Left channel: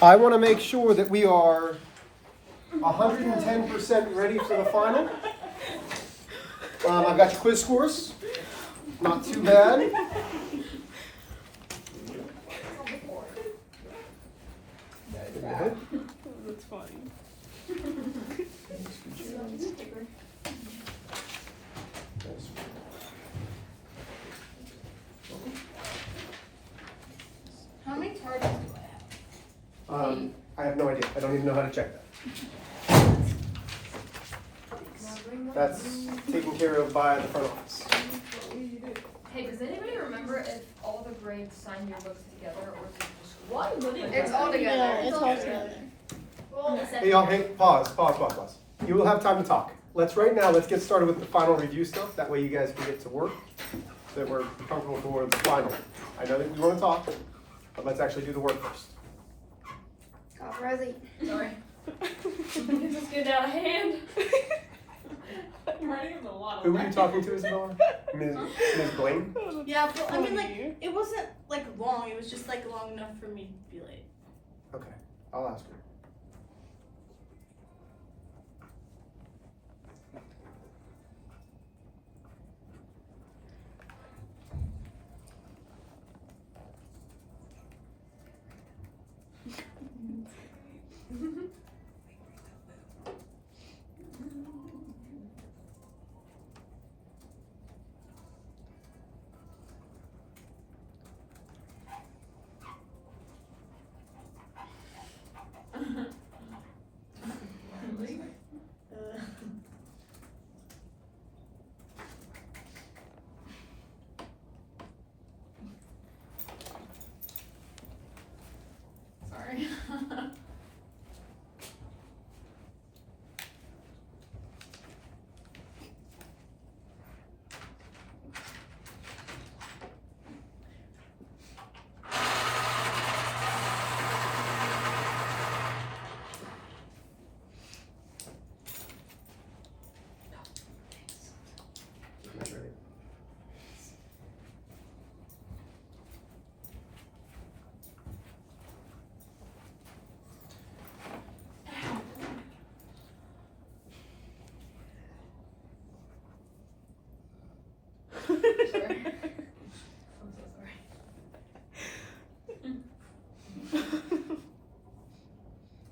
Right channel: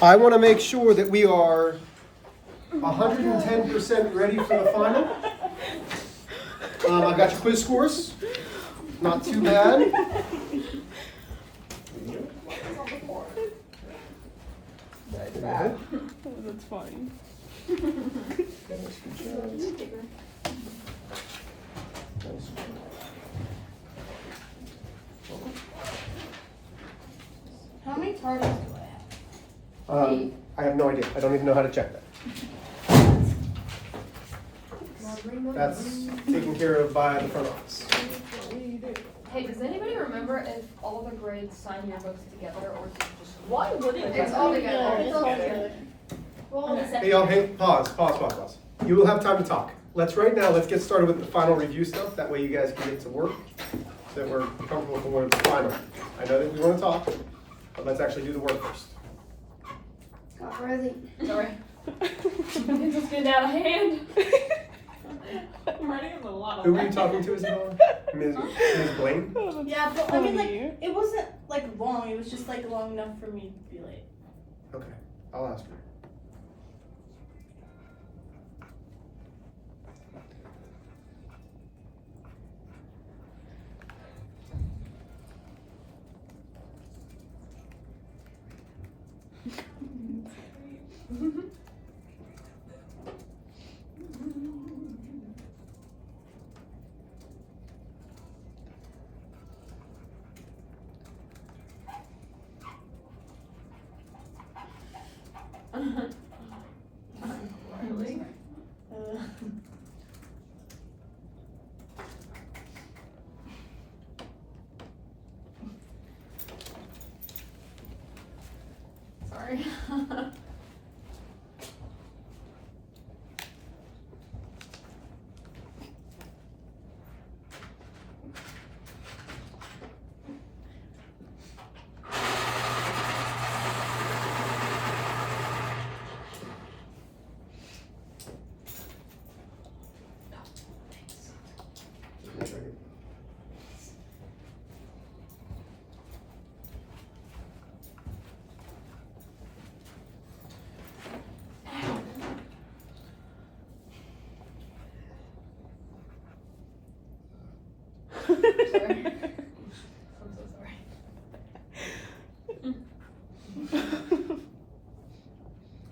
I want to make sure that we are 110% ready for the final. I got your quiz scores. Not too bad. That's funny. How many targets do I have? I have no idea. I don't even know how to check that. That's taken care of by the front office. Hey, does anybody remember if all the grades sign your books together or is it just Why wouldn't It's all together. It's all together. Hey, y'all, hey, pause. You will have time to talk. Let's get started with the final review stuff. That way you guys can get to work, so that we're comfortable for the final. I know that we want to talk, but let's actually do the work first. Rosie. Sorry. It just get out of hand. I'm writing a lot. Who were you talking to, Isabella? Ms. Blaine? Yeah, but I mean, like, it wasn't like long. It was just like long enough for me to be late. Okay, I'll ask her. Really? Sorry. Sorry. I'm so sorry.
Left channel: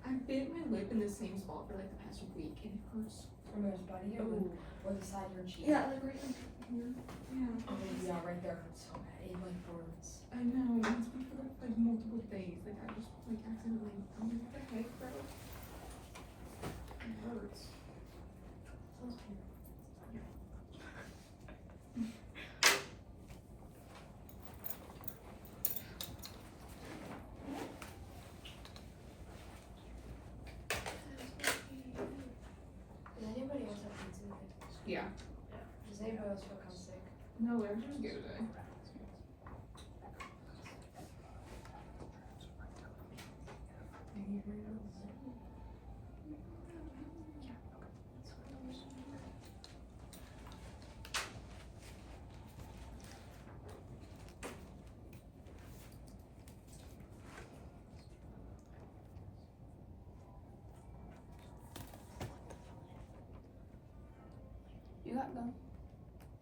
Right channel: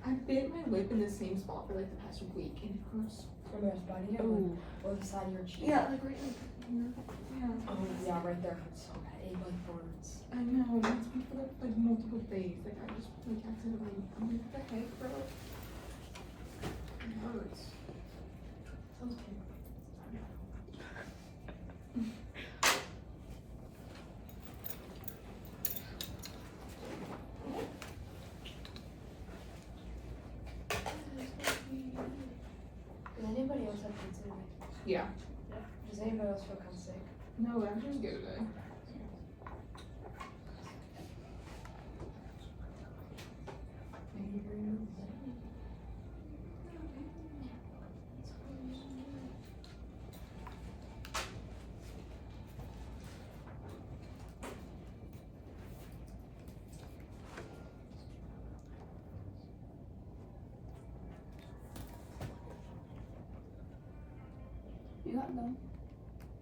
I bit my lip in the same spot for like the past week and it hurts. From your body or the side of your cheek? Yeah, like right here. Yeah. Oh, yeah, right there. So bad. It like burns. I know, it's been for like multiple days. Like I just like accidentally, I'm like, what the heck, bro? It hurts. Sounds painful. Does anybody else have cancer? Yeah. Does anybody else feel kind of sick? No, I'm just good. You got them.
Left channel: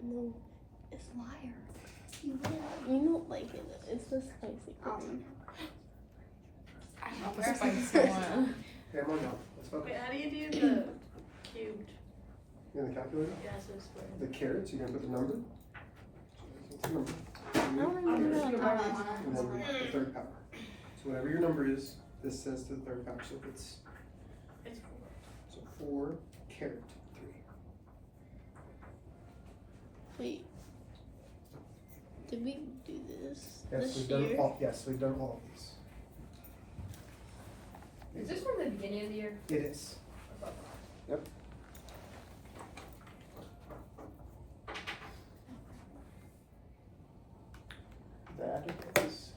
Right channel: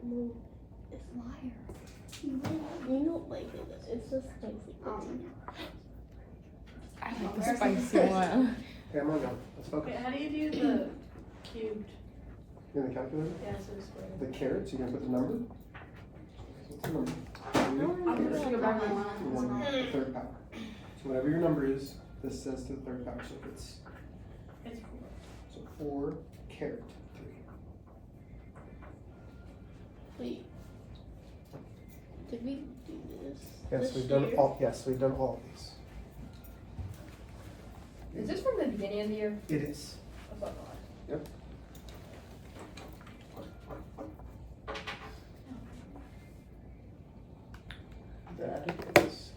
No, it's liar. You know, like it's just spicy. I want the spicy one. Yeah, I'm on now. Let's focus. Wait, how do you do the cubed? You in the calculator? Yeah, so explain. The carrots, you're gonna put the number. What's the number? I'm just gonna buy one. And then the third power. So whatever your number is, this says the third power. So it's It's cool. so 4 caret 3. Wait. Did we do this? Yes, this we've done year? all. Yes, we've done all of these. Is this from the beginning of the year? It is. I thought that. Yep. That is.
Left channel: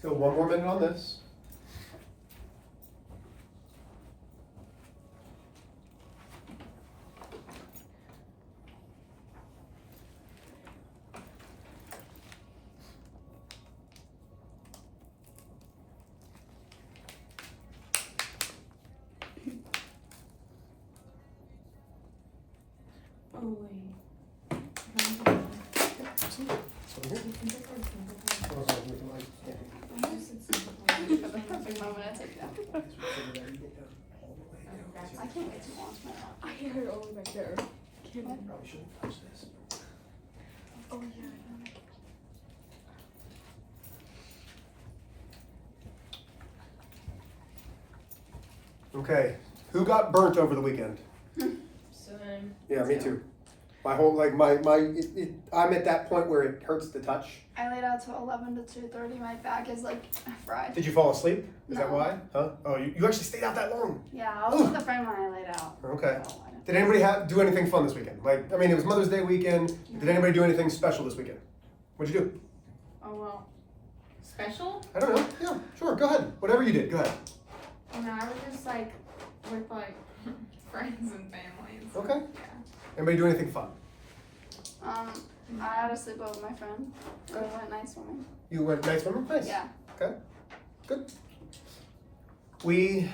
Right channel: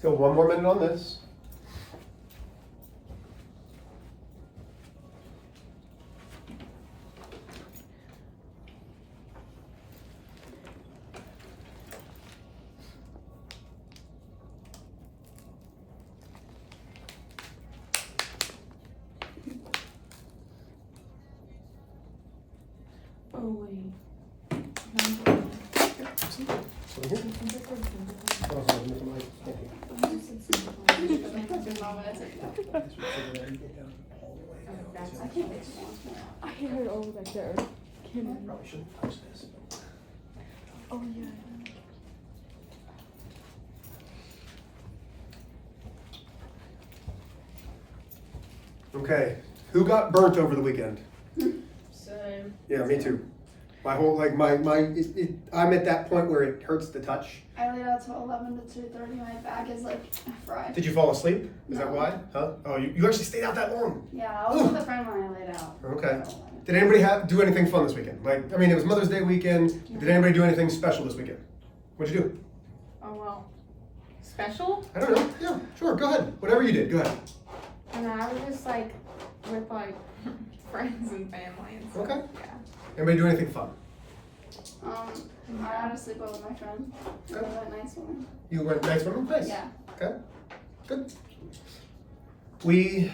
Let's go 1 more minute on this. Oh, wait. So here. I can't wait to launch my app. I hear it over back there. Probably shouldn't touch this. Oh, yeah. Okay, who got burnt over the weekend? Same. Yeah, me too. My whole, I'm at that point where it hurts to touch. I laid out till 11 to 2:30. My back is like fried. Did you fall asleep? Is that No. why? Huh? Oh, you actually stayed out that long. Yeah, I was with a friend when I laid out. Okay. So I Did anybody do anything fun this weekend? It was Mother's Day weekend. Did anybody do anything special this weekend? What'd you do? Oh, well. Special? I don't know. Yeah, sure. Go ahead. Whatever you did, go ahead. I don't know, I was just like with like friends and family and stuff. Okay. Yeah. Anybody do anything fun? I had a sleepover with my friend. And we went night swimming. You went night swimming? Nice. Yeah. Okay. Good. We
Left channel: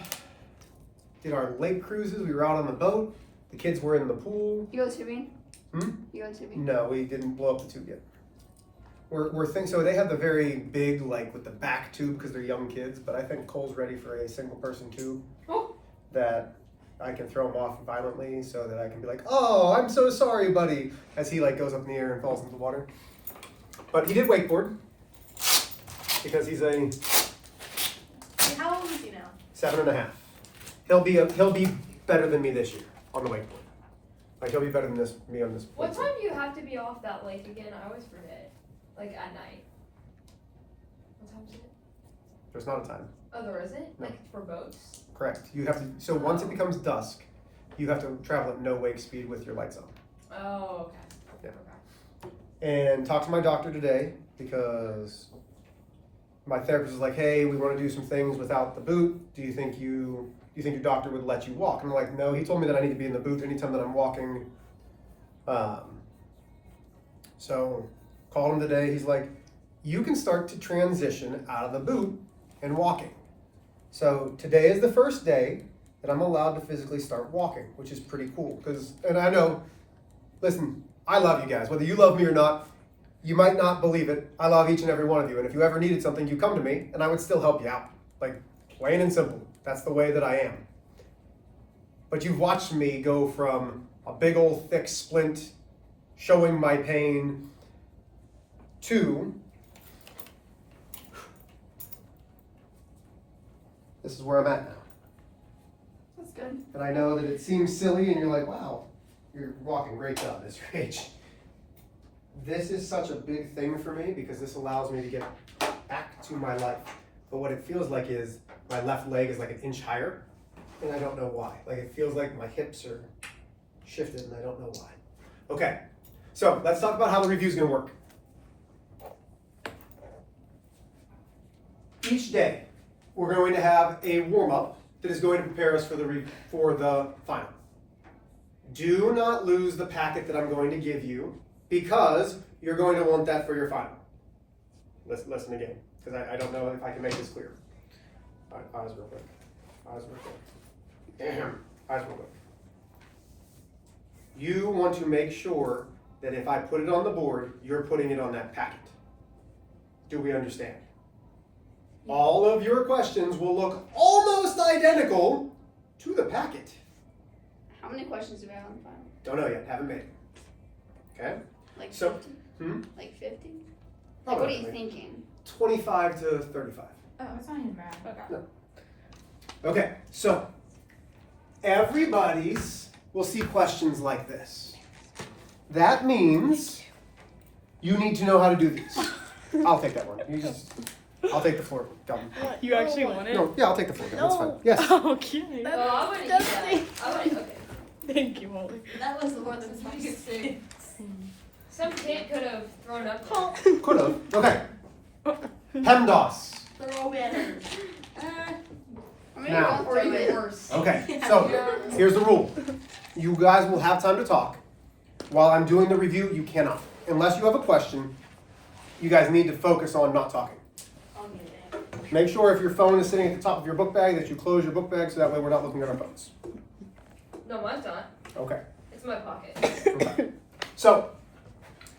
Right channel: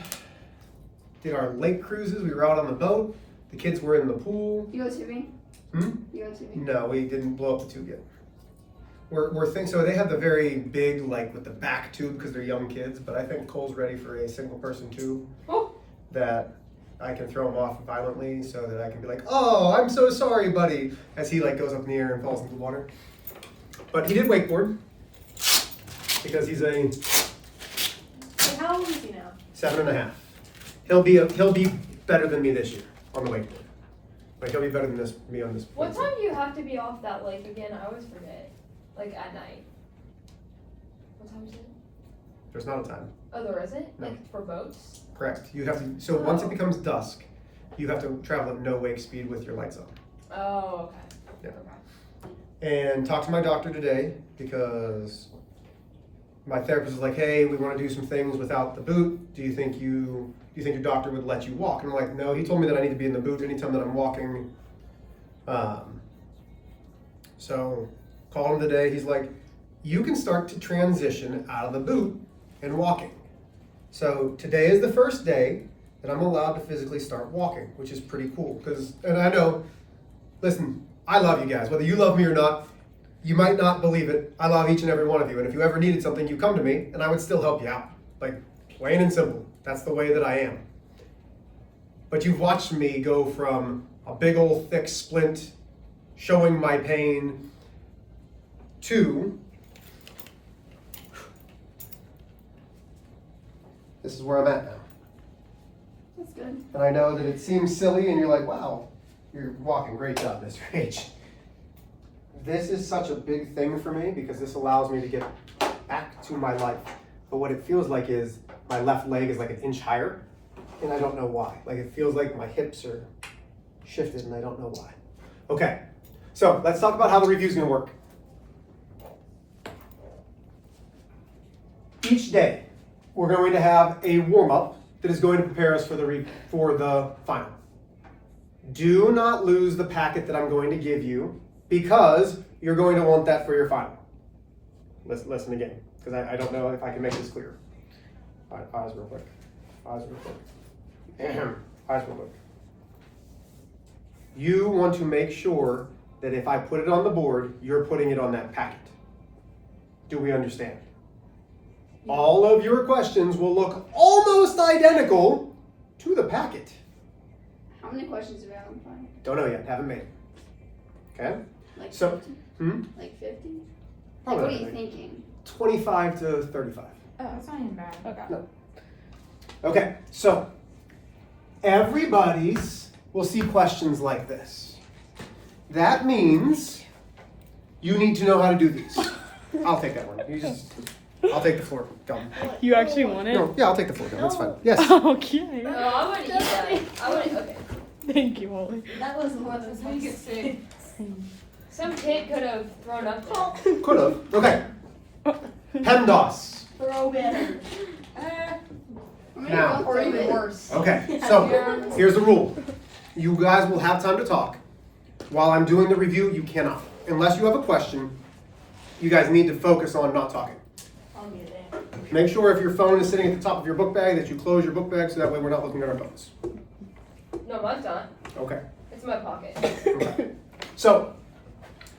did our lake cruises. We were out on the boat. The kids were in the pool. You go tubing? Hmm? You go tubing? No, we didn't blow up the tube yet. We're thinking, so they have the very big, with the back tube because they're young kids, but I think Cole's ready for a single person tube that I can throw him off violently so that I can be like, oh, I'm so sorry, buddy, as he goes up in the air and falls into the water. But he did wakeboard because he's a Hey, how old is he now? 7.5. He'll be better than me this year on the wakeboard. He'll be better than me on this. What time do you have to be off that lake again? I always forget. At night. What time is it? There's not a time. Oh, there isn't? No. For boats? Correct. You have to. So once it becomes dusk, you have to travel at no wake speed with your lights on. Oh, okay. Yeah. And talked to my doctor today because my therapist was like, "Hey, we want to do some things without the boot. Do you think your doctor would let you walk?" And I'm like, "No, he told me that I need to be in the boot anytime that I'm walking." So called him today. He's like, "You can start to transition out of the boot and walking." So today is the first day that I'm allowed to physically start walking, which is pretty cool. And I know, listen, I love you guys. Whether you love me or not, you might not believe it. I love each and every one of you. And if you ever needed something, you come to me and I would still help you out. Plain and simple. That's the way that I am. But you've watched me go from a big old thick splint showing my pain to this is where I'm at now. That's good. And I know that it seems silly and you're like, wow, you're walking, great job, Mr. H. This is such a big thing for me because this allows me to get back to my life. But what it feels like is my left leg is an inch higher and I don't know why. It feels like my hips are shifted and I don't know why. Okay, so let's talk about how the review is gonna work. Each day, we're going to have a warm-up that is going to prepare us for the final. Do not lose the packet that I'm going to give you because you're going to want that for your final. Listen again, because I don't know if I can make this clear. Pause real quick. Eyes real quick. You want to make sure that if I put it on the board, you're putting it on that packet. Do we understand? All of your questions will look almost identical to the packet. How many questions do we have on the final? Don't know yet, haven't made it. Okay? Like So, 50? Like 50? Probably What are you not. thinking? 25 to 35. Oh, that's not even bad. Okay. No. Okay, so everybody's will see questions like this. That means you need to know how to do these. I'll take that one. I'll take the floor gum. You actually want it? No, yeah, I'll take the floor gum. That's fine. Yes. Okay. No, I wouldn't eat that. I wouldn't, okay. Thank you, Molly. That was more than spicy. Some kid could have thrown up. Could have. Okay. PEMDAS. throw better. Now. Or even worse. Okay, so here's the rule. You guys will have time to talk. While I'm doing the review, you cannot. Unless you have a question, you guys need to focus on not talking. I'll get it. Make sure if your phone is sitting at the top of your book bag that you close your book bag so that way we're not looking at our phones. No, mine's not. Okay. It's in my pocket. Okay. So,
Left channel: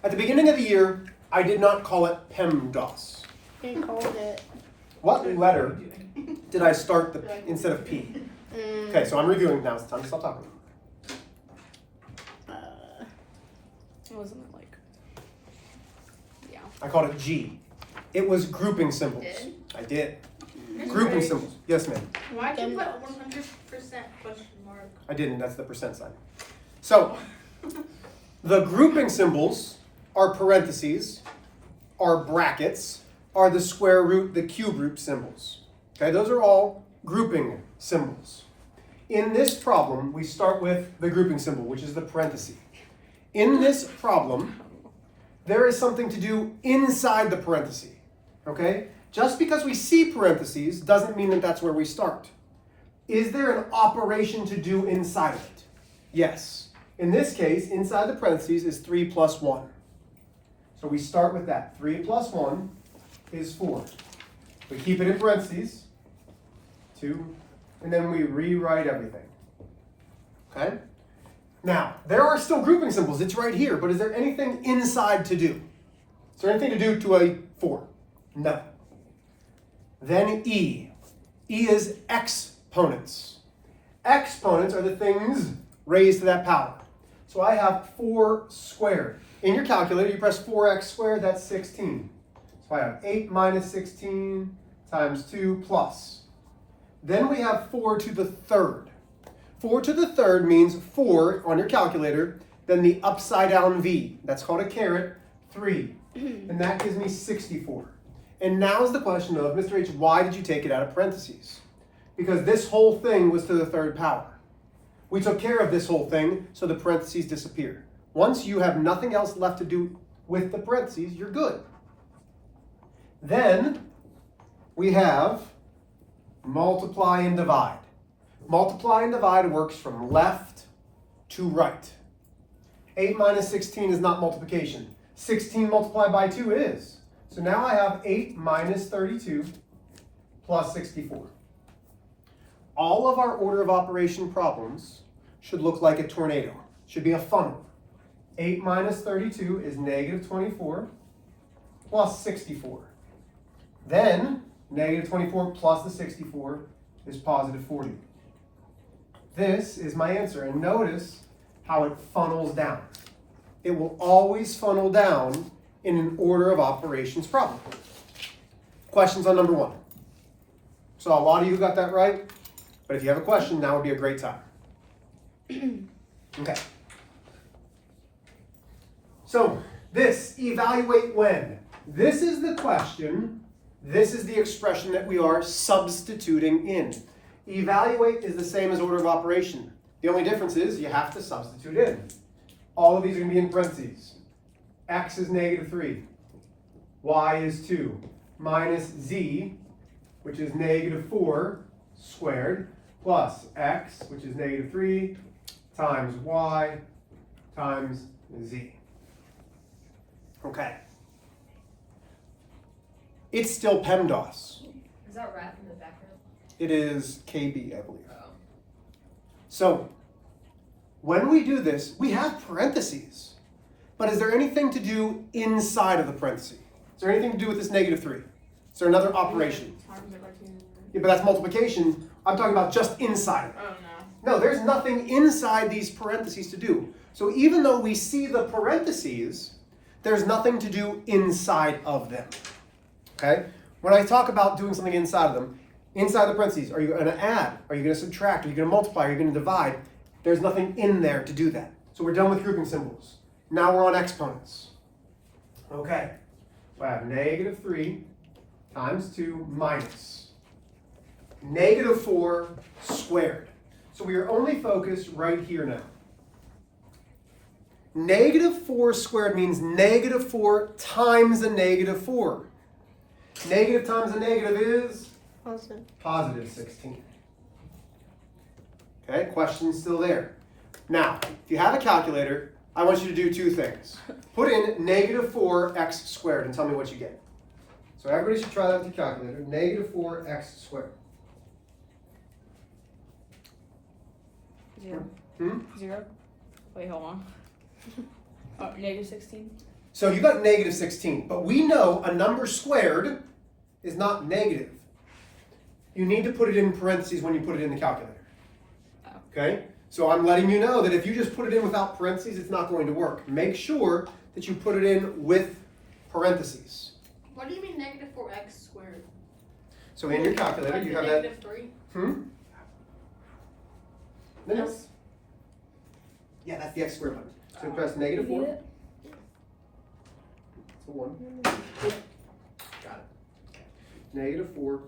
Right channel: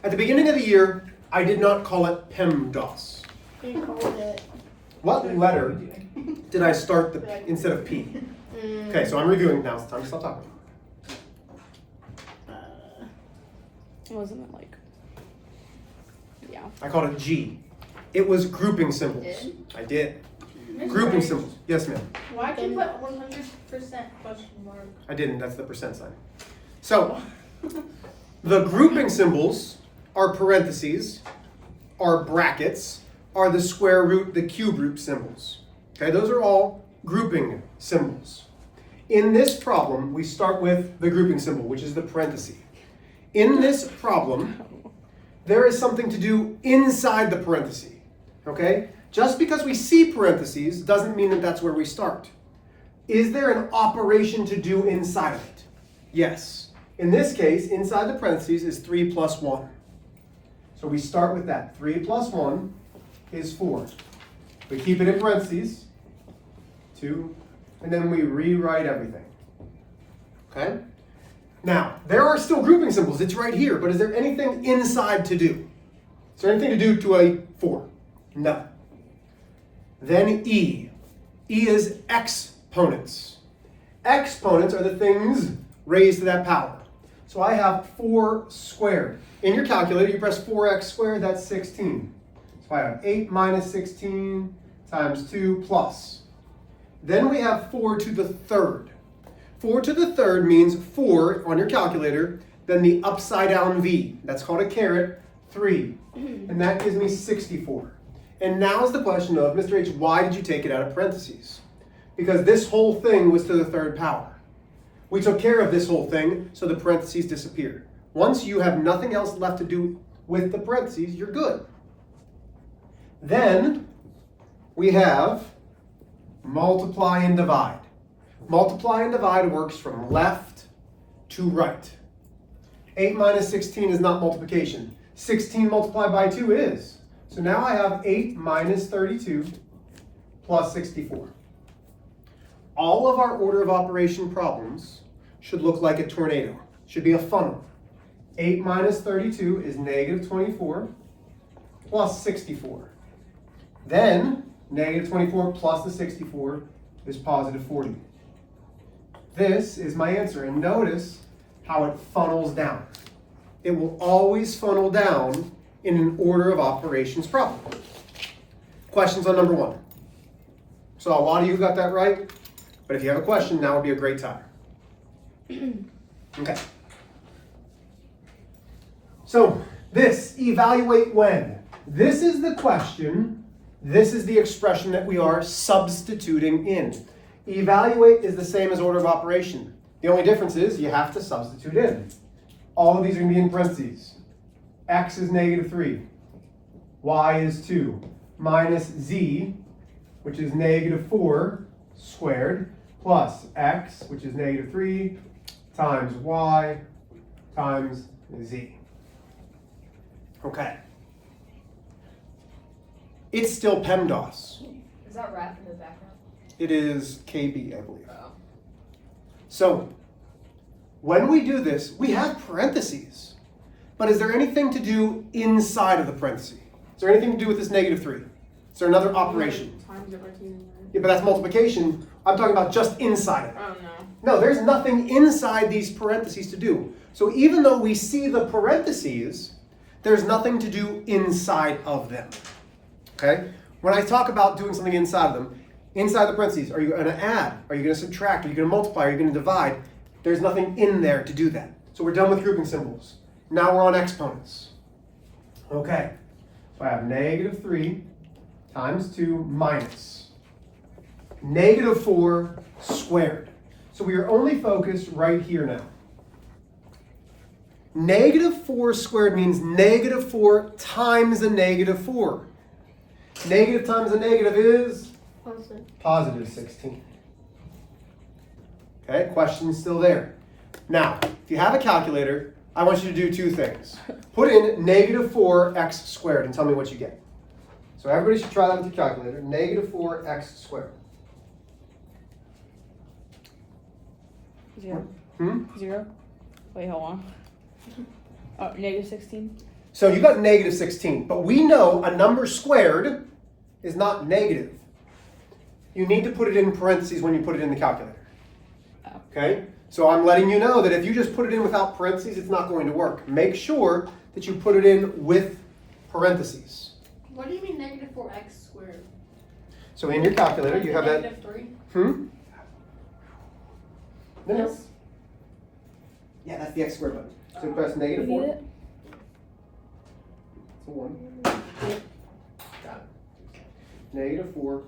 at the beginning of the year, I did not call it PEMDAS. You called it. What letter did I start the instead of P? Okay, so I'm reviewing now. It's time to stop talking. Wasn't it like? Yeah. I called it G. It was grouping symbols. Did? I did. Grouping symbols. Yes, ma'am. Why'd you put 100% question mark? I didn't. That's the percent sign. So, the grouping symbols are parentheses, are brackets, are the square root, the cube root symbols. Okay, those are all grouping symbols. In this problem, we start with the grouping symbol, which is the parenthesis. In this problem, there is something to do inside the parenthesis. Okay? Just because we see parentheses doesn't mean that that's where we start. Is there an operation to do inside of it? Yes. In this case, inside the parentheses is 3 plus 1. So we start with that. 3 plus 1 is 4. We keep it in parentheses, 2, and then we rewrite everything. Okay? Now, there are still grouping symbols. It's right here, but is there anything inside to do? Is there anything to do to a 4? No. Then E. E is exponents. Exponents are the things raised to that power. So I have 4 squared. In your calculator, you press 4x squared, that's 16. So I have 8 minus 16 times 2 plus. Then we have 4 to the third. 4 to the third means 4 on your calculator, then the upside down V. That's called a caret, 3. And that gives me 64. And now is the question of, Mr. H, why did you take it out of parentheses? Because this whole thing was to the third power. We took care of this whole thing, so the parentheses disappear. Once you have nothing else left to do with the parentheses, you're good. Then we have multiply and divide. Multiply and divide works from left to right. 8 minus 16 is not multiplication. 16 multiplied by 2 is. So now I have 8 minus 32 plus 64. All of our order of operation problems should look like a tornado. Should be a funnel. 8 minus 32 is negative 24 plus 64. Then negative 24 plus the 64 is positive 40. This is my answer, and notice how it funnels down. It will always funnel down in an order of operations problem. Questions on number 1? So a lot of you got that right, but if you have a question, now would be a great time. Okay. So this, evaluate when. This is the question. This is the expression that we are substituting in. Evaluate is the same as order of operation. The only difference is you have to substitute in. All of these are going to be in parentheses. X is negative 3. Y is 2. Minus Z, which is negative 4 squared, plus X, which is negative 3, times Y, times Z. Okay. It's still PEMDAS. Is that rap in the background? It is KB, I believe. So, when we do this, we have parentheses. But is there anything to do inside of the parentheses? Is there anything to do with this negative 3? Is there another operation? Yeah, but that's multiplication. I'm talking about just inside of it. Oh, no. No, there's nothing inside these parentheses to do. So even though we see the parentheses, there's nothing to do inside of them. Okay? When I talk about doing something inside of them, inside the parentheses, are you going to add? Are you going to subtract? Are you going to multiply? Are you going to divide? There's nothing in there to do that. So we're done with grouping symbols. Now we're on exponents. Okay. So I have negative 3 times 2 minus negative 4 squared. So we are only focused right here now. Negative 4 squared means negative 4 times a negative 4. Negative times a negative is Awesome. positive 16. Okay, question's still there. Now, if you have a calculator, I want you to do two things. Put in negative 4x squared and tell me what you get. So everybody should try that with your calculator. Negative 4x squared. 0. Hmm? 0. Wait, hold on. Oh, negative 16. So you got negative 16, but we know a number squared is not negative. You need to put it in parentheses when you put it in the calculator. Okay? So I'm letting you know that if you just put it in without parentheses, it's not going to work. Make sure that you put it in with parentheses. What do you mean negative 4x squared? So in your calculator, you have that. Negative 3. Hmm? No, no. This? Yeah, that's the x squared one. So you press negative 4. You need it? It's a 1. Got it. Negative 4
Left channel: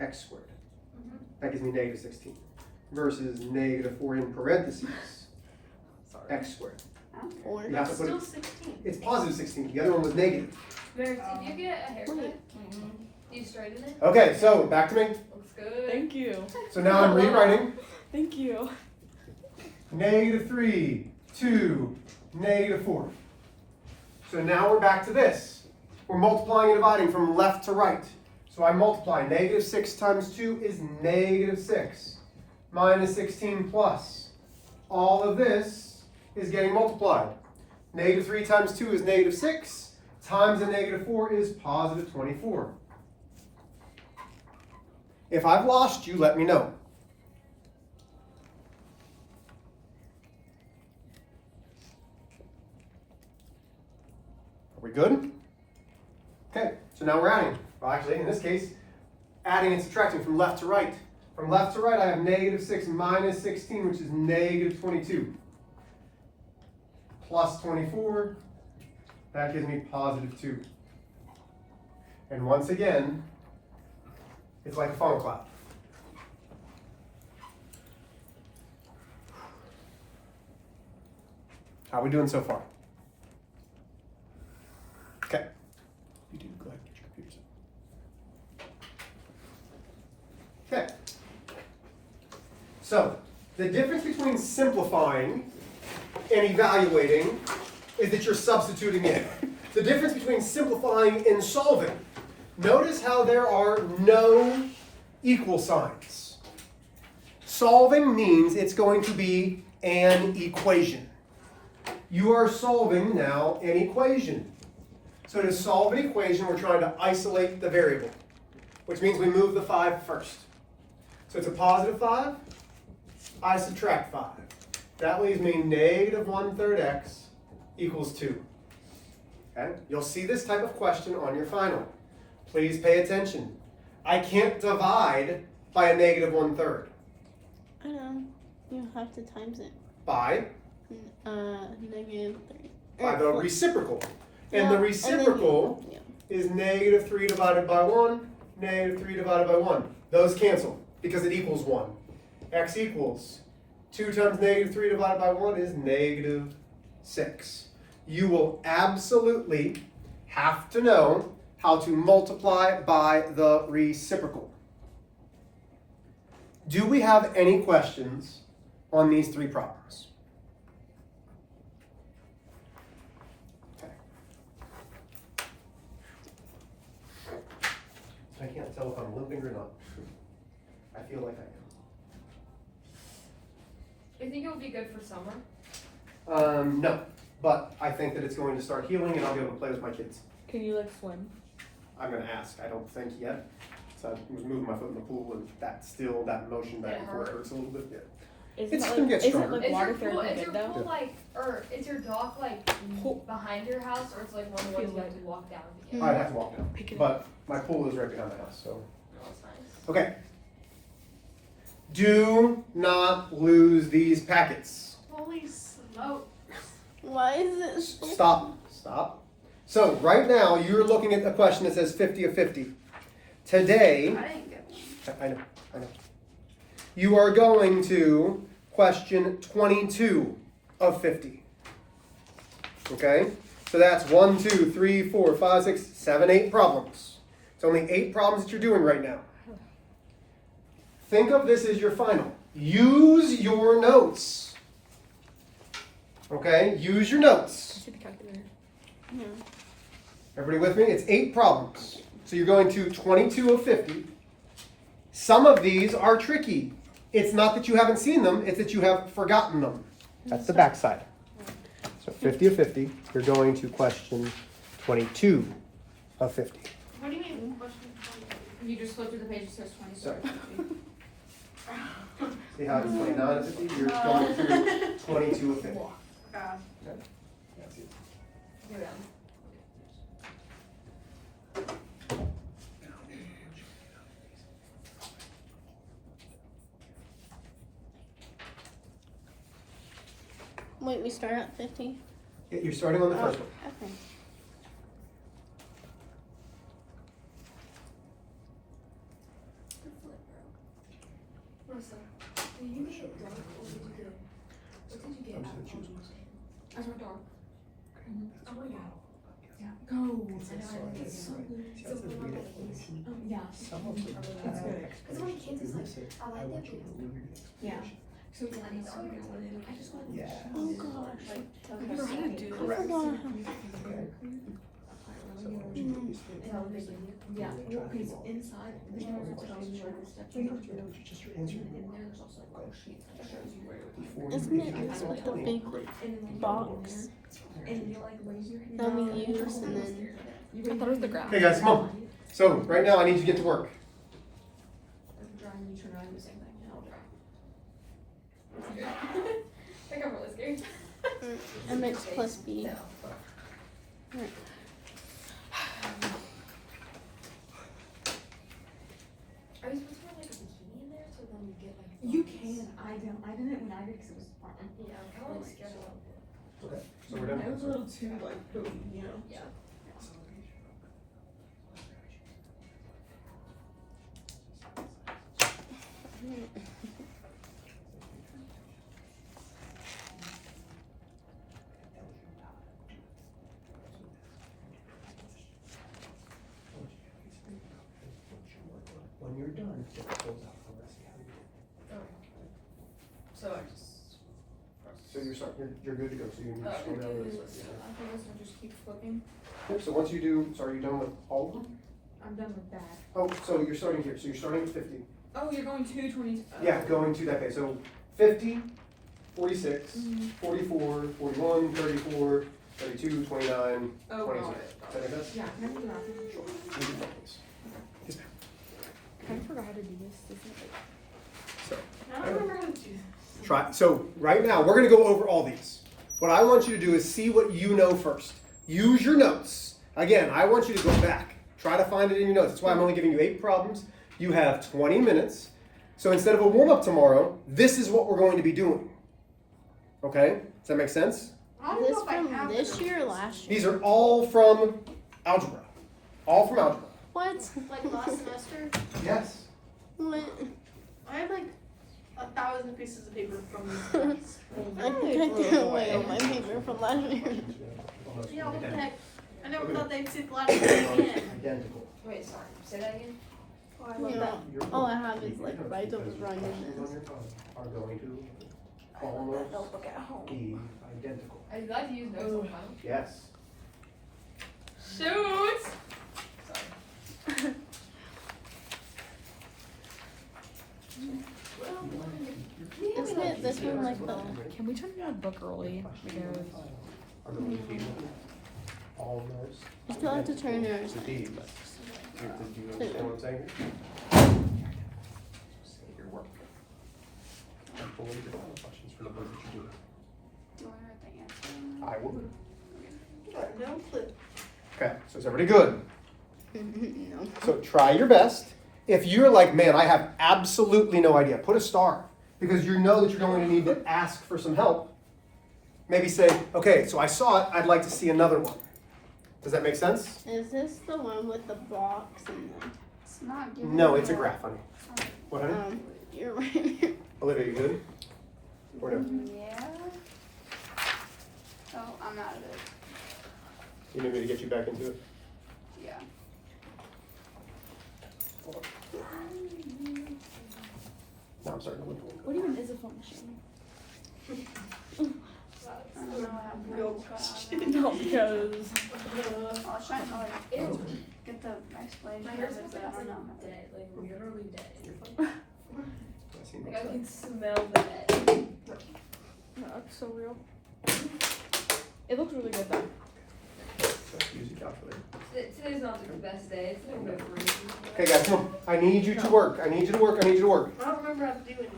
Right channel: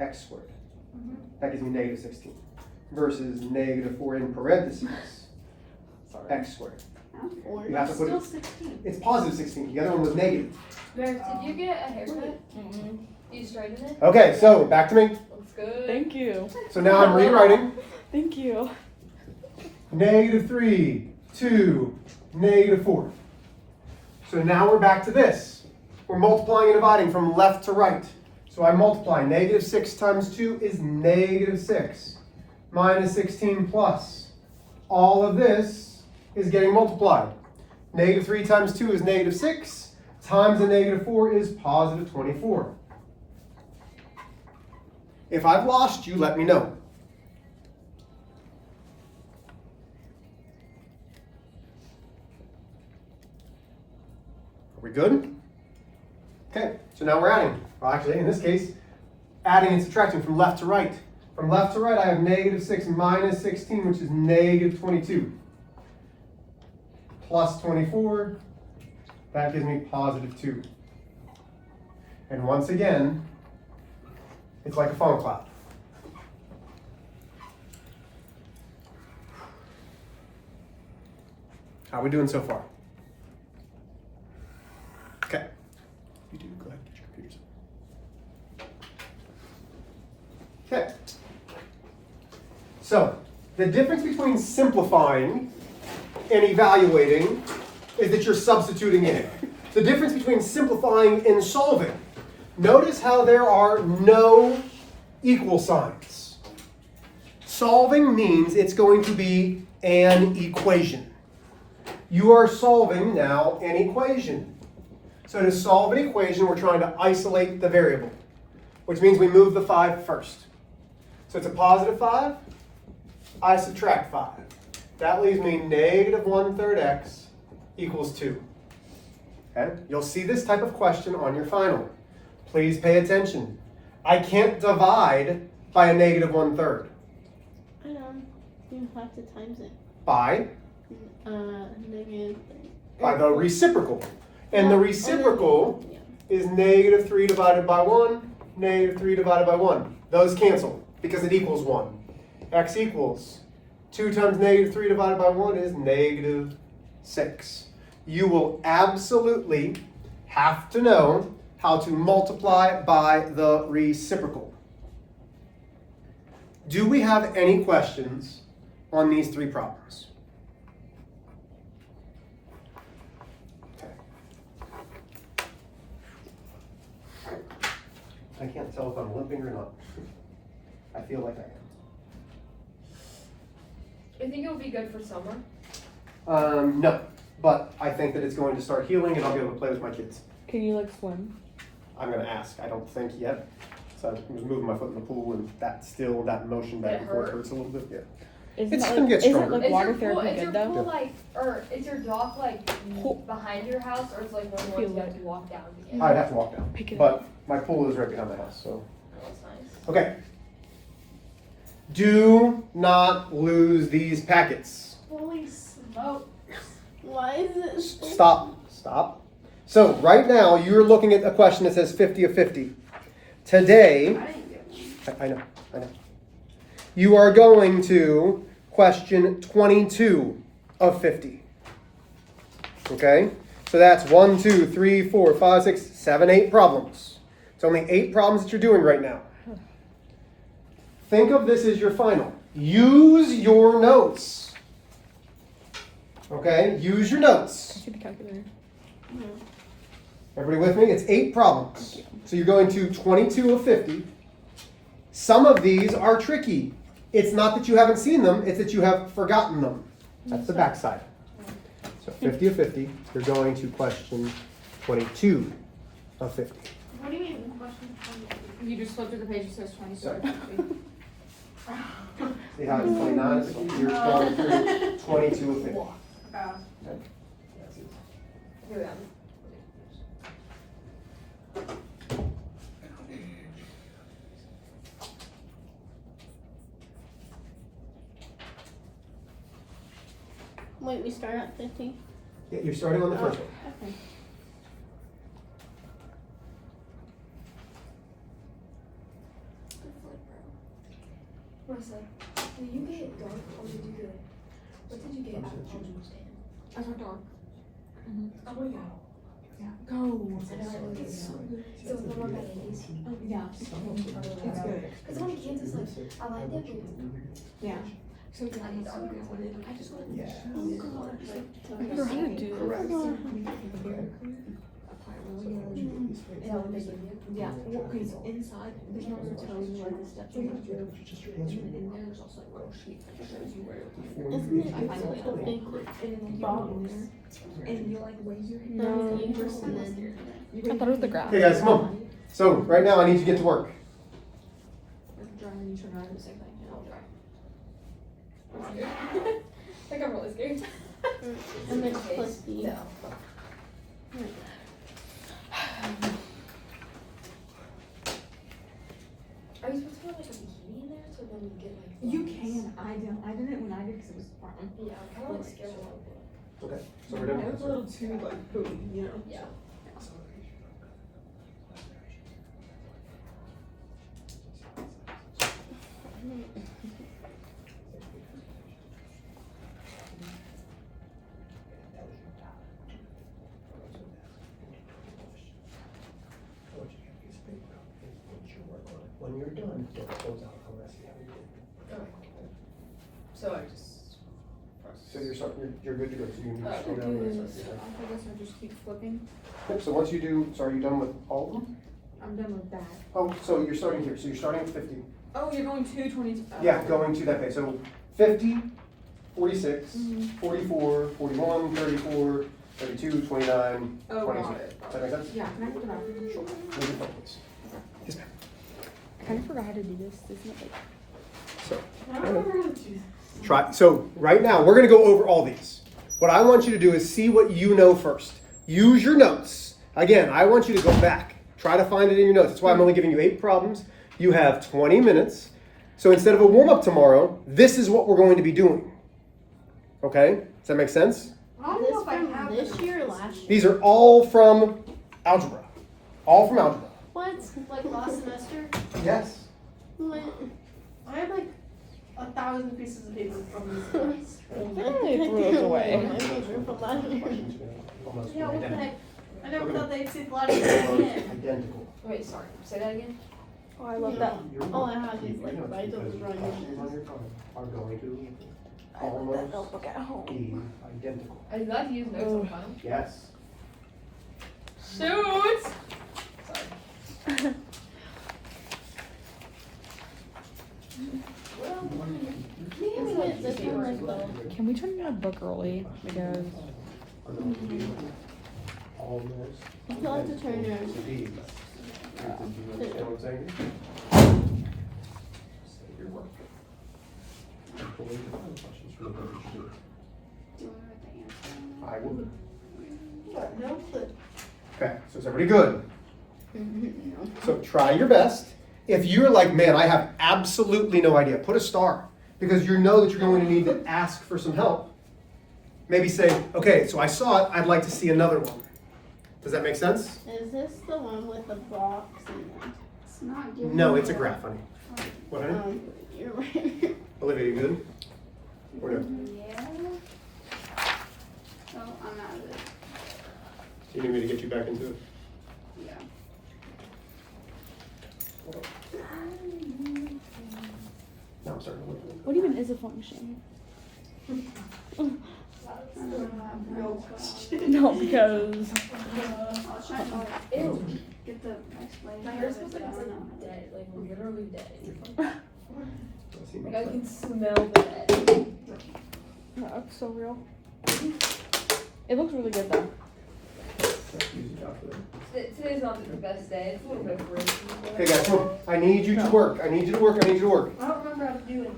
x squared. That gives me negative 16. Versus negative 4 in parentheses, x squared. You have to put Still it, 16. it's positive 16. The other one was negative. Max, did you get a haircut? You straightened it? Okay, so back to me. Looks good. Thank you. So now I'm rewriting. Thank you. Negative 3, 2, negative 4. So now we're back to this. We're multiplying and dividing from left to right. So I multiply. Negative 6 times 2 is negative 6. Minus 16 plus. All of this is getting multiplied. Negative 3 times 2 is negative 6. Times a negative 4 is positive 24. If I've lost you, let me know. Are we good? Okay, so now we're adding. Well, actually, in this case, adding and subtracting from left to right. From left to right, I have negative 6 minus 16, which is negative 22. Plus 24, that gives me positive 2. And once again, it's like a funnel cloud. How are we doing so far? Okay. You do, go ahead, get your computers up. Okay. So, the difference between simplifying and evaluating is that you're substituting in. The difference between simplifying and solving. Notice how there are no equal signs. Solving means it's going to be an equation. You are solving now an equation. So to solve an equation, we're trying to isolate the variable, which means we move the 5 first. So it's a positive 5. I subtract 5. That leaves me negative 1/3 x equals 2. Okay? You'll see this type of question on your final. Please pay attention. I can't divide by a negative 1/3. I know. You have to times it. By Negative 3. By the reciprocal. And the reciprocal is negative 3 divided by 1, negative 3 divided by 1. Those cancel because it equals 1. X equals 2 times negative 3 divided by 1 is negative 6. You will absolutely have to know how to multiply by the reciprocal. Do we have any questions on these 3 problems? Okay. I can't tell if I'm limping or not. I feel like I am. You think it would be good for summer? No, but I think that it's going to start healing and I'll be able to play with my kids. Can you like swim? I'm going to ask. I don't think yet. So I was moving my foot in the pool and that motion back and forth hurts a little bit. Yeah. Isn't It's that gonna like, get isn't stronger. like water therapy Is good your though? pool like, or is your dock like behind your house, or is like one where you have to walk down? I'd have to walk down. Pick it But my pool is right behind the house, so. Oh, that's nice. Okay. Do not lose these packets. Holy smoke. Why is it? Stop. Stop. So right now you're looking at a question that says 50 of 50. Today, I didn't get one. I know. You are going to question 22 of 50. Okay? So that's 1, 2, 3, 4, 5, 6, 7, 8 problems. It's only 8 problems that you're doing right now. Think of this as your final. Use your notes. Okay? Use your notes. See the calculator. Everybody with me? It's 8 problems. So you're going to 22 of 50. Some of these are tricky. It's not that you haven't seen them, it's that you have forgotten them. That's the backside. So 50 of 50, you're going to question 22 of 50. What do you mean question? You just flip to the page that says 22. Sorry. See how it's 29 of 50? You're going through 22 of 50. Okay. That's it. You're done. Wait, we start at 50? Yeah, you're starting on the first one. Okay. What's like, you get it done, or did you get it? What did you get? I saw dog. Oh my god. Yeah. Go. So it's not like easy. Yeah. It's good. Because when kids is like, I like that but Yeah. So it's like, so good. I just want to. Yeah. Like, You're gonna do correct. that would make it. Yeah, because inside, there's no telling you where the steps are. And then there's also like a sheet that shows you where. Isn't it like a big box? And you're like, raise your hand. That we use and then. I thought it was the graph. Okay, guys, come on. So, right now I need you to get to work. Dry and you turn around and do the same thing, and I'll dry. I think I'm really scared. MX plus B. No. Are you supposed to put like a bikini in there so then you get like. You bumps? can, I didn't when I did because it was fun. Yeah, I'm kind of like scared a little bit. Okay, so we're It doing was a little too like, boom, you know? Yeah. When you're done, close out the rest of it. So I just. So you're good to go, so you can just go down the rest of it. I guess I'll just keep flipping. Yep, so once you do, sorry, you done with all of them? I'm done with that. Oh, so you're starting here, so you're starting at 50. Oh, you're going to 20. Yeah, going to that day, so 50, 46, Mhm. 44, 41, 34, 32, 29, Oh, 22. got it. Does that make sense? Yeah, can I get the bathroom? Sure. Move it forward, please. Yes, ma'am. I kind of forgot how to do this. Isn't it like So, I don't remember what to do. try. So right now, we're gonna go over all these. What I want you to do is see what you know first. Use your notes. Again, I want you to go back. Try to find it in your notes. That's why I'm only giving you 8 problems. You have 20 minutes. So instead of a warm-up tomorrow, this is what we're going to be doing. Okay? Does that make sense? I don't Is know this if I from have this year or last year? These are all from algebra. All from algebra. What? Like last semester? Yes. What? I have like 1,000 pieces of paper from this class. I think I threw away my paper from last year. Yeah, what the heck? I never thought they'd see the light again. Identical. Wait, sorry. Say that again? Oh, I love Yeah. that. All I have is like right up Because running questions on this. your tongue are going to I love that almost notebook at home. be identical. I glad you use notes all the time. Yes. Shoot! Sorry. Isn't it this one like the? Can we turn in a book early? I guess. Are going to be almost. You still have to turn yours. To be. Do you understand what I'm saying? Say your work. Before you define questions for the book that you do. I will do. No clip. Okay, so is everybody good? No. So try your best. If you're like, man, I have absolutely no idea, put a star. Because you know that you're going to need to ask for some help. Maybe say, okay, so I saw it, I'd like to see another one. Does that make sense? Is this the one with the box and the? It's not giving No, me it's a that. graph, honey. What, honey? You're right. Olivia, you good? Or no? Yeah. Oh, I'm out of it. You need me to get you back into it? Yeah. Hold on. Now I'm starting to look. What even is a function? Real question. No, because I was trying to like, get the explanation My of hair's it, but I don't know. dead, like literally dead. I see Like my I side. can smell that. that looks so real. It looks really good though. Let's use a calculator. Today's not the best day. It's a little bit breaky. Okay, guys, come on. I need you to work. I need you to work. I need you to work. I don't remember how to do it.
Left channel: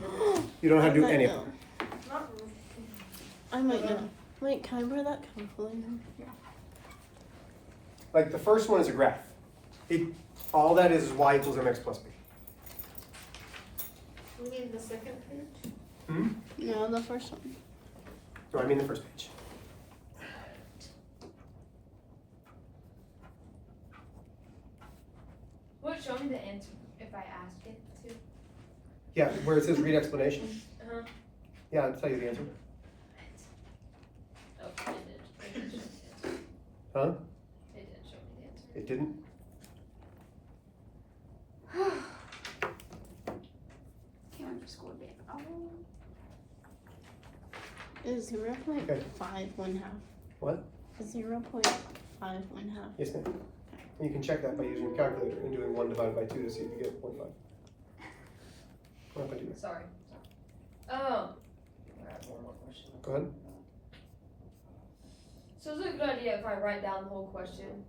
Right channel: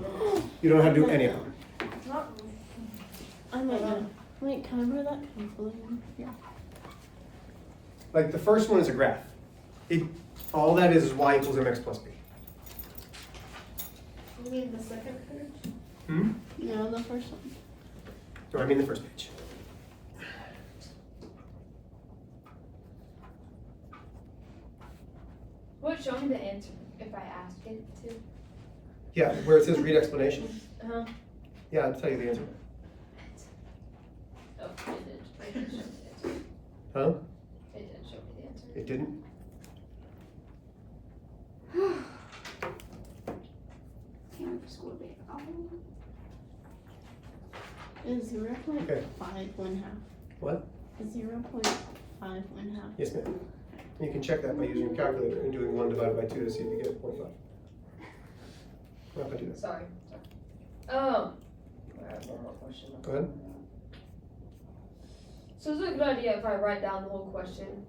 You don't have to do any of them. Not I might know. Wait, can I borrow that calculator? Like the first one is a graph. All that is y equals mx plus b. You mean the second page? Hmm? No, the first one. No, I mean the first page. What, show me the answer if I ask it to? Yeah, where it says read explanation. Uh-huh. Yeah, I'll tell you the answer. Oh, it did. It did show me the answer. Huh? It did show me the answer. It didn't? can't wait for school to be Is 0.5 Okay. 1/2? What? 0.5 1/2. Yes, ma'am. You can check that by using your calculator and doing 1 divided by 2 to see if you get 0.5. I'm not gonna do that. Sorry. I have one more question. Go ahead. So is it a good idea if I write down the whole question?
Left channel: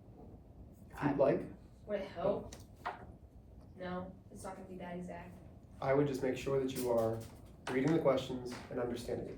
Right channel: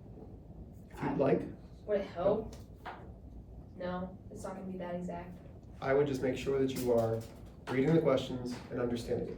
If you'd like, Would it help? No, it's not gonna be that exact. I would just make sure that you are reading the questions and understanding it.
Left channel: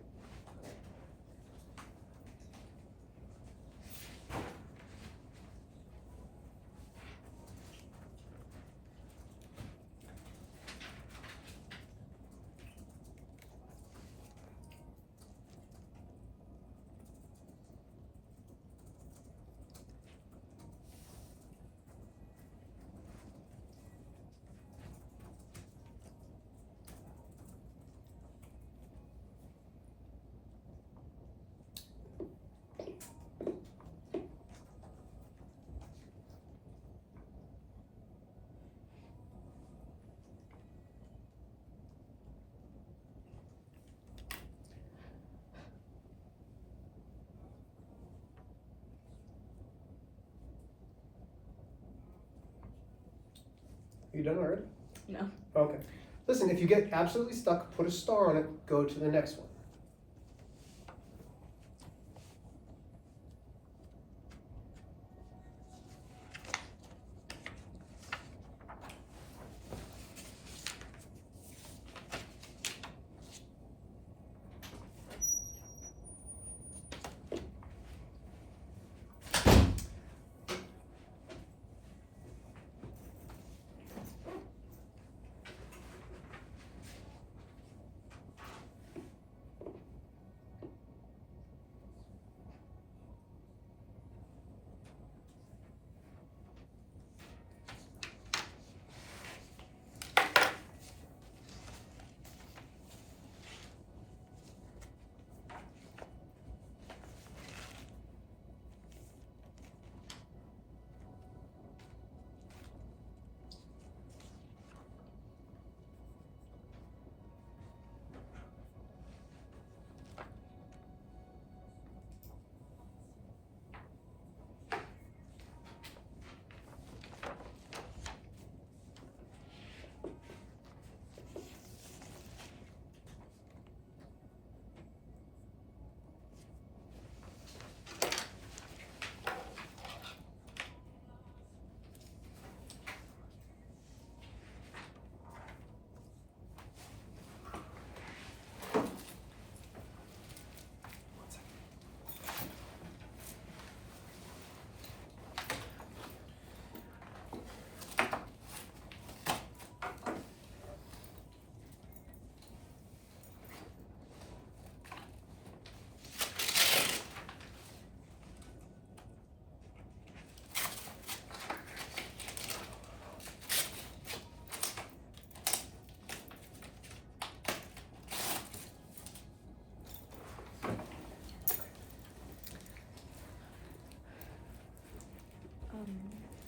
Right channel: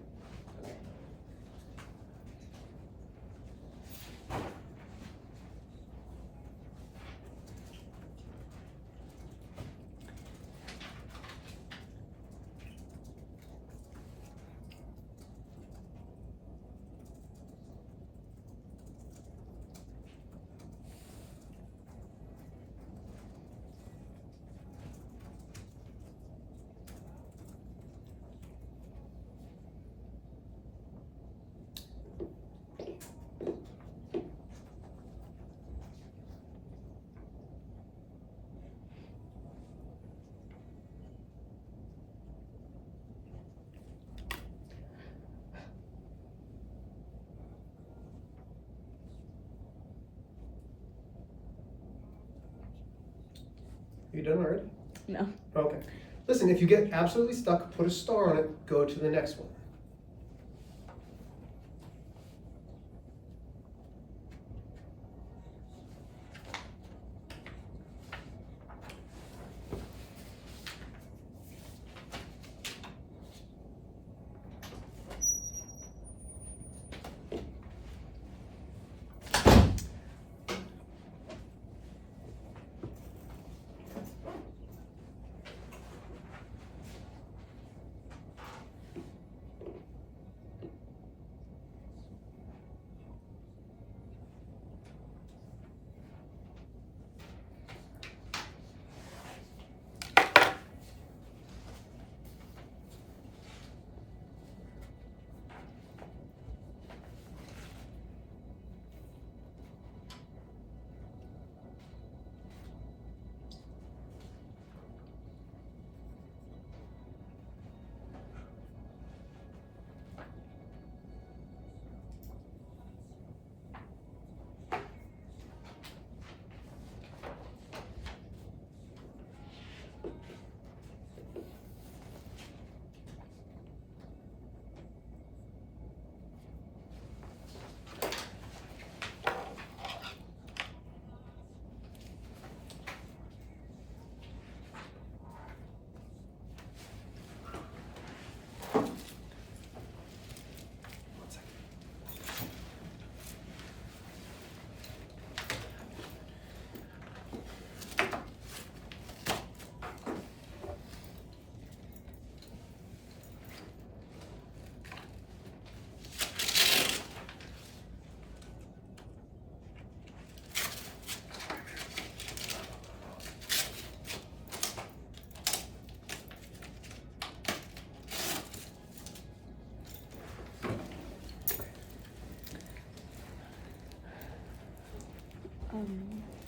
Are you done already? No. Okay. Listen, if you get absolutely stuck, put a star on it, go to the next one.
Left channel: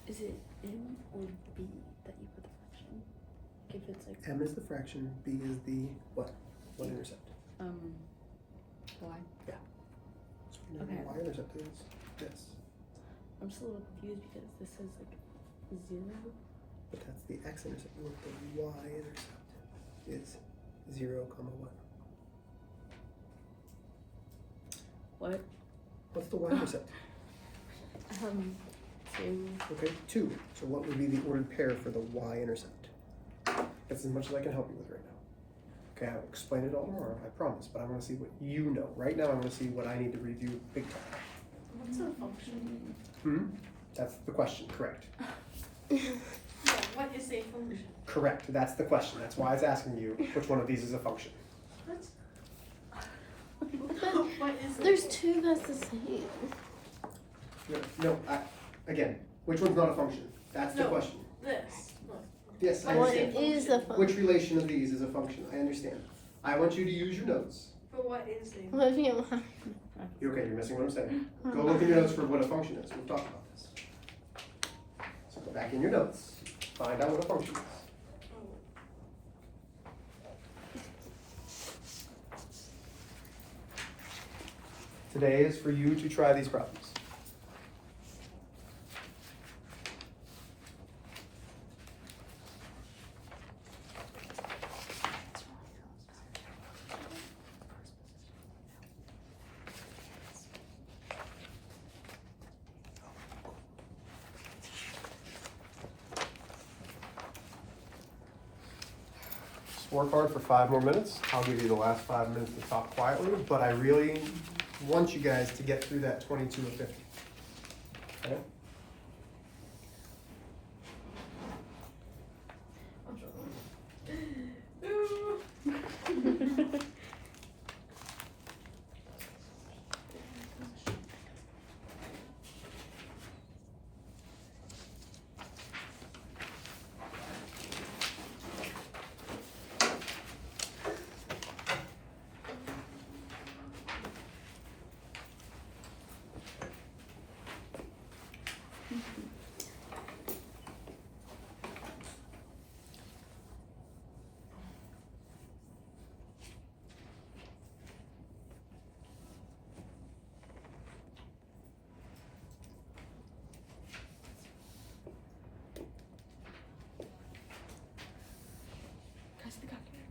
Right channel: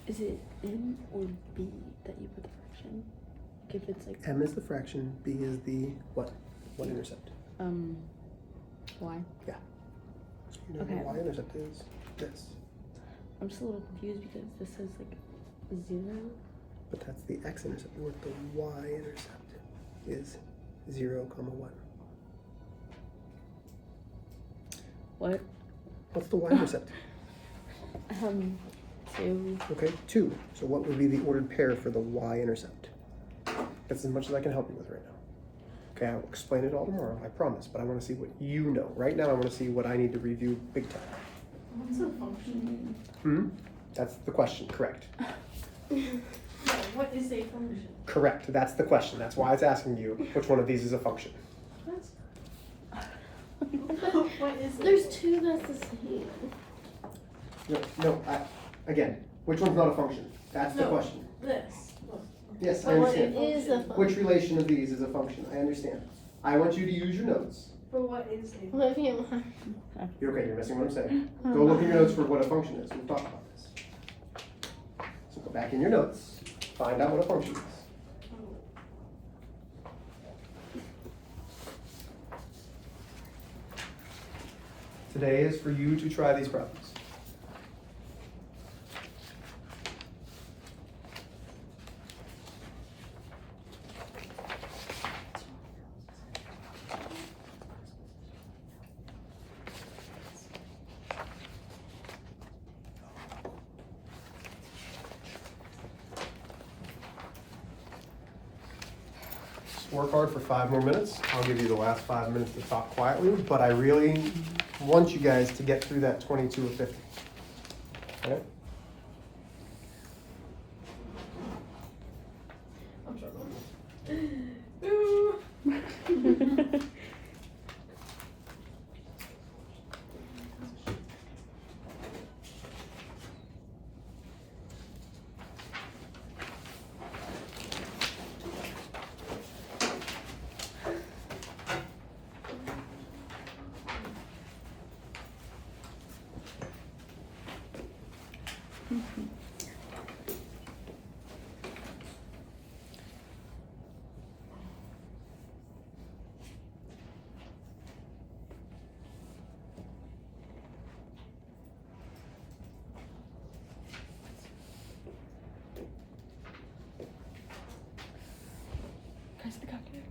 Is it M or B that you put the fraction? Like if it's like M is the fraction, B is the what? What intercept? Y. You know Okay. what y intercept is? This. I'm just a little confused because this says like 0. But that's the x-intercept. What the y-intercept is 0, comma what? What? What's the y-intercept? 2. Okay, 2. So what would be the ordered pair for the y-intercept? That's as much as I can help you with right now. Okay, I'll explain it all tomorrow, I promise. But I want to see what you know. Right now, I want to see what I need to review big time. What's a function? That's the question, correct. No, what is a function? Correct, that's the question. That's why it's asking you which one of these is a function. What? What is it? There's two that's the same. Again, which one's not a function? That's the No. question. This. Look. Yes, I What understand. is a function? Which relation of these is a function? I understand. I want you to use your notes. But what is a What if you You're okay, you're missing what I'm saying. Go look in your notes for what a function is. We've talked about this. So go back in your notes, find out what a function is. Today is for you to try these problems. Just work hard for 5 more minutes. I'll give you the last 5 minutes to talk quietly, but I really want you guys to get through that 22 of 50. Okay? I'm struggling. Press the calculator.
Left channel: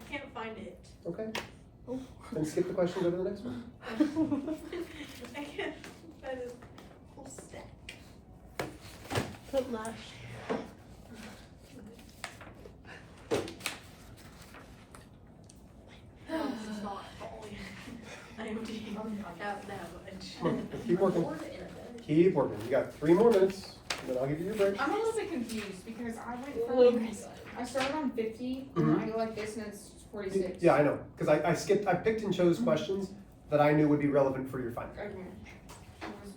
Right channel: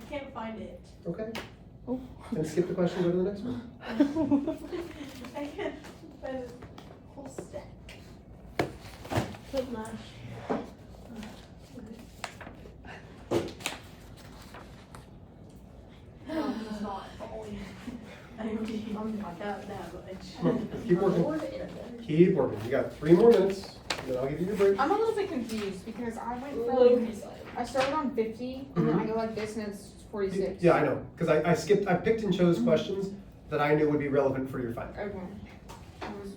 I can't find it. Okay. Then skip the question, go to the next one. I can't find a whole stack. put mash? No, it's not. I'm not that Come on, keep working. Keep working. You got 3 more minutes, and then I'll give you your break. I'm a little bit confused because I went from, I started on 50 and then I go like this and it's 46. Yeah, I know, because I picked and chose questions that I knew would be relevant for your final. Okay. I was,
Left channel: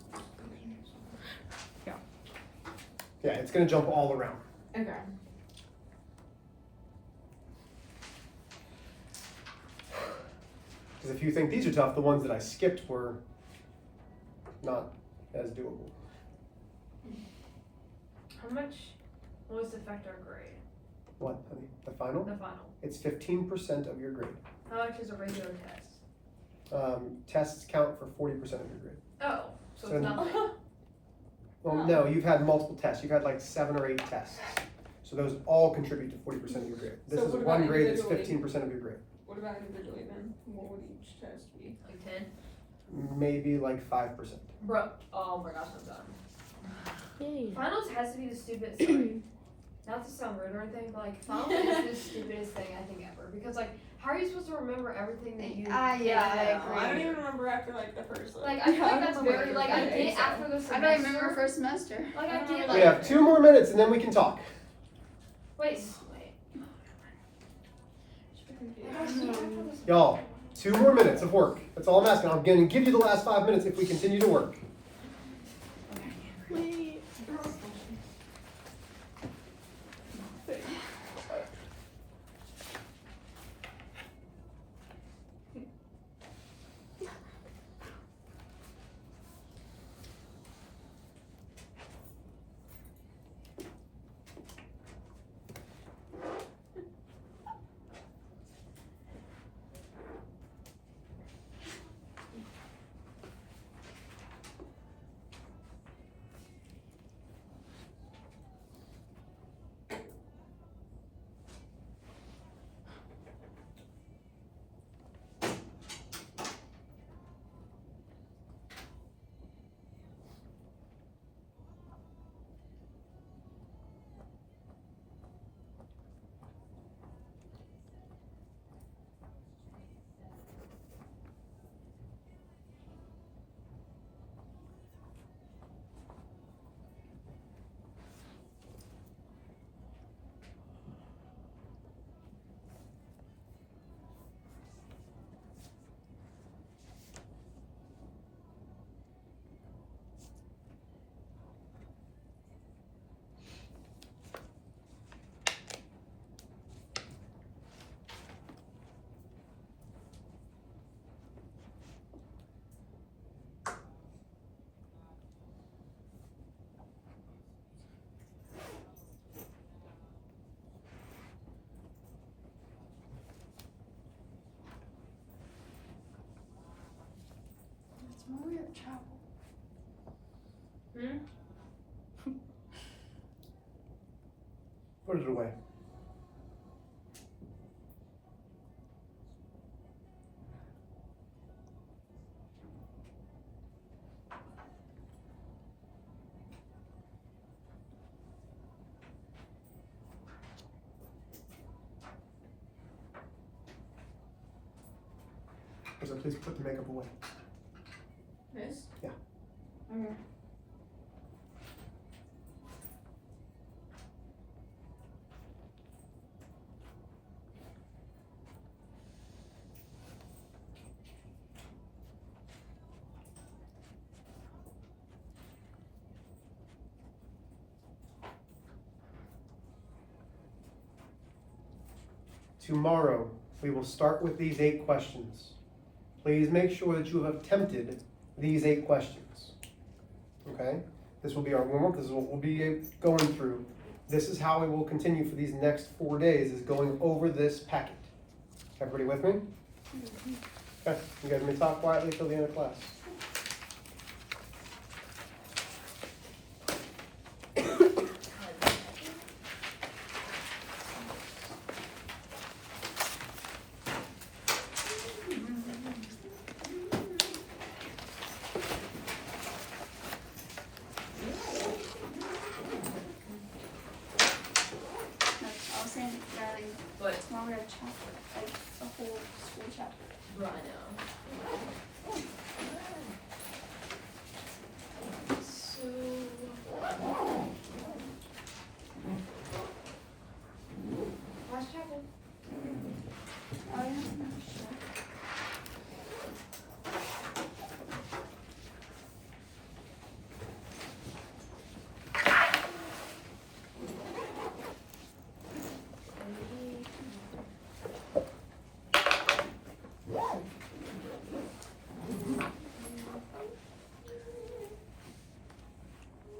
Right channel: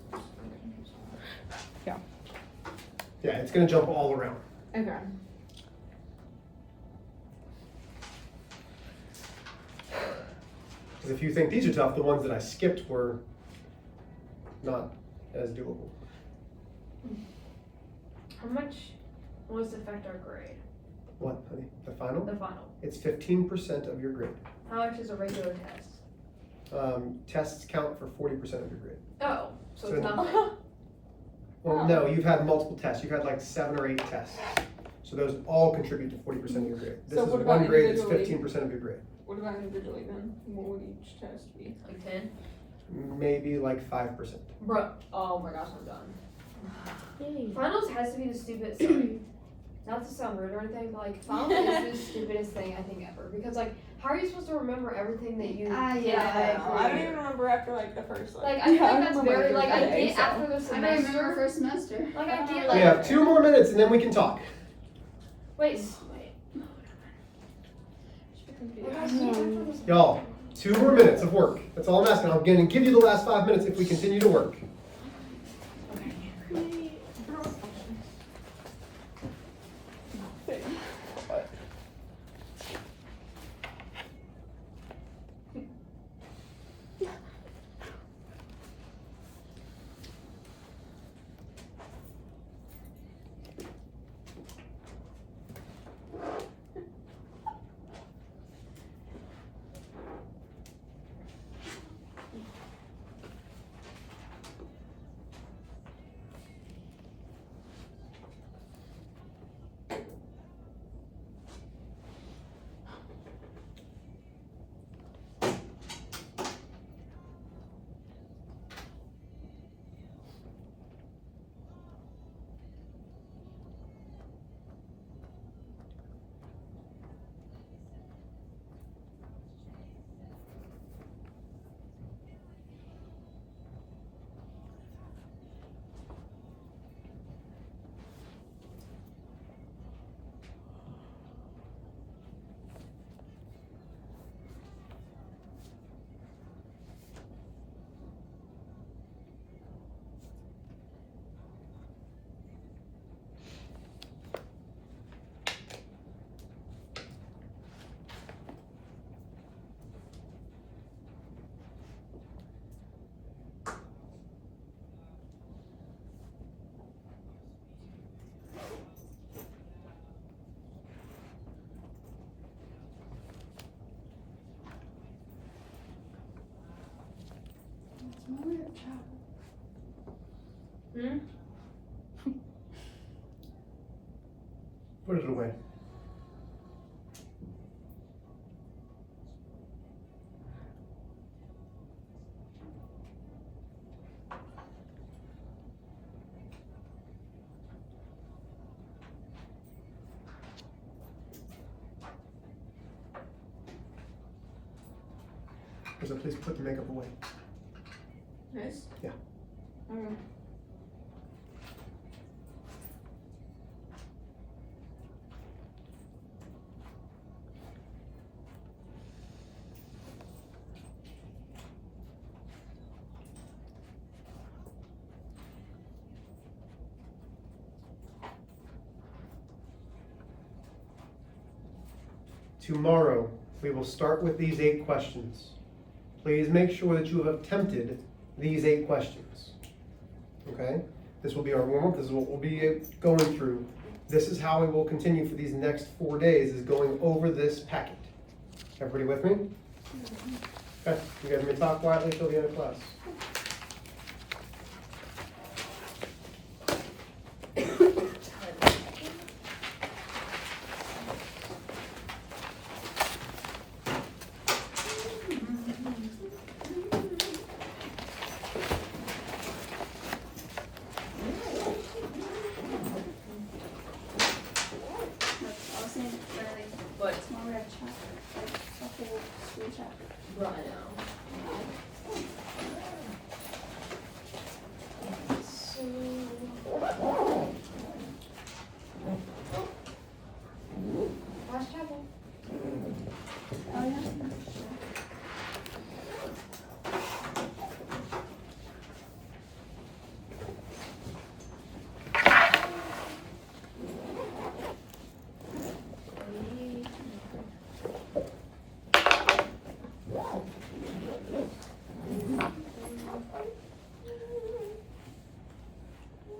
Yeah, it's gonna jump all around. okay. Because if you think these are tough, the ones that I skipped were not as doable. How much will this affect our grade? What, honey? The final? The final. It's 15% of your grade. How much is a regular test? tests count for 40% of your grade. Oh, so So it's not. Well, Oh. no, you've had multiple tests. You've had like 7 or 8 tests. So those all contribute to 40% of your grade. This So is what one about grade that's individually? 15% of your grade. What about individually then? What would each test be? Like 10? Maybe like 5%. Bro, oh my gosh, I'm done. Yay. Finals has to be the stupidest thing. Not to sound rude or anything, but like finals is the stupidest thing I think ever. Because like, how are you supposed to remember everything that you? Yeah, I don't even remember after like the first Like I feel Yeah, like I that's remember very like I everything, get so. after the semester. I don't remember first semester. Like I get We like have 2 more minutes and then we can talk. wait. Like, I get after the Y'all, 2 more minutes of work. That's all I'm asking. I'm going to give you the last 5 minutes if we continue to work. It's more of travel. Hmm? Put it away. So please put the makeup away. This? Yeah. Okay. Tomorrow, we will start with these 8 questions. Please make sure that you have attempted these 8 questions. Okay? This will be our warm-up. This is what we'll be going through. This is how we will continue for these next 4 days, is going over this packet. Everybody with me? Okay, you guys may talk quietly till the end of class. I was saying, Riley, What? tomorrow we have chapter, like a whole school chapter. Bro, I know. Last chapel. Oh, yeah.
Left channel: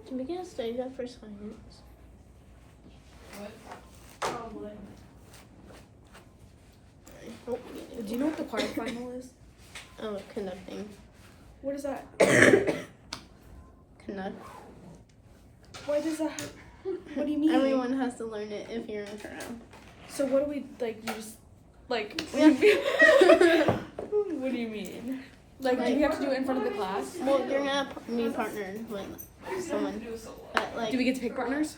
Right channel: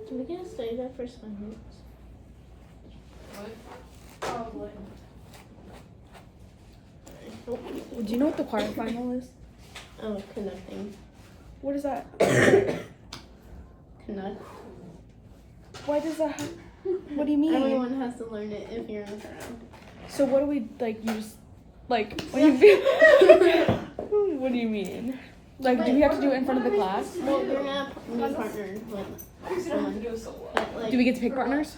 Can we get a study that for science? Probably. Do you know what the quarterfinal is? conducting. What is that? Conduct. Why does that? What do you mean? Everyone has to learn it if you're in choral. So what do we like? You just like when you. What do you mean? Like, do we have to do it in front of the class? Well, you're gonna be partnered with someone. But, like, Do we get to pick partners?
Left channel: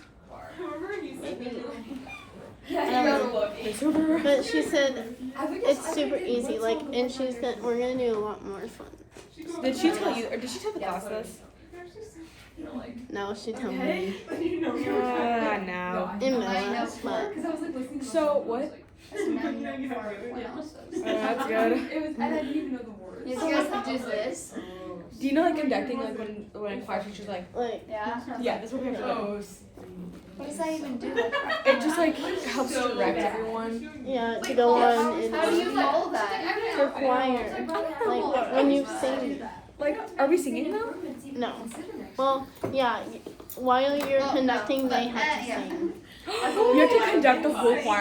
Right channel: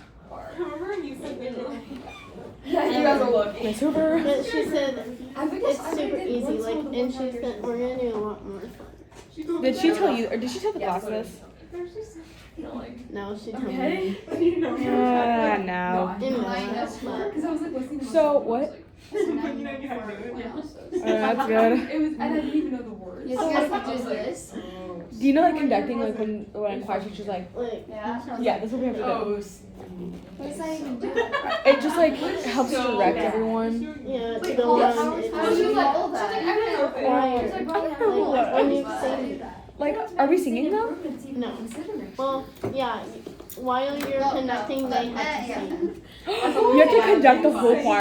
Yeah, you guys are lucky. Miss Hoover. But she said it's super easy. Like, and she said we're gonna do a lot more fun. Did she tell you, or did she tell the class this? No, she told me. No. In math, but So what? That's good. You guys can do this. Do you know like conducting like when class teacher's like, Yeah. yeah, that's what we have to do. What does that even do? It just like helps direct everyone. yeah, to go on. How do you roll that? Choir. Like when you sing. Like, are we singing though? No. Well, yeah. While you're conducting, they have to sing. You have to conduct the whole choir.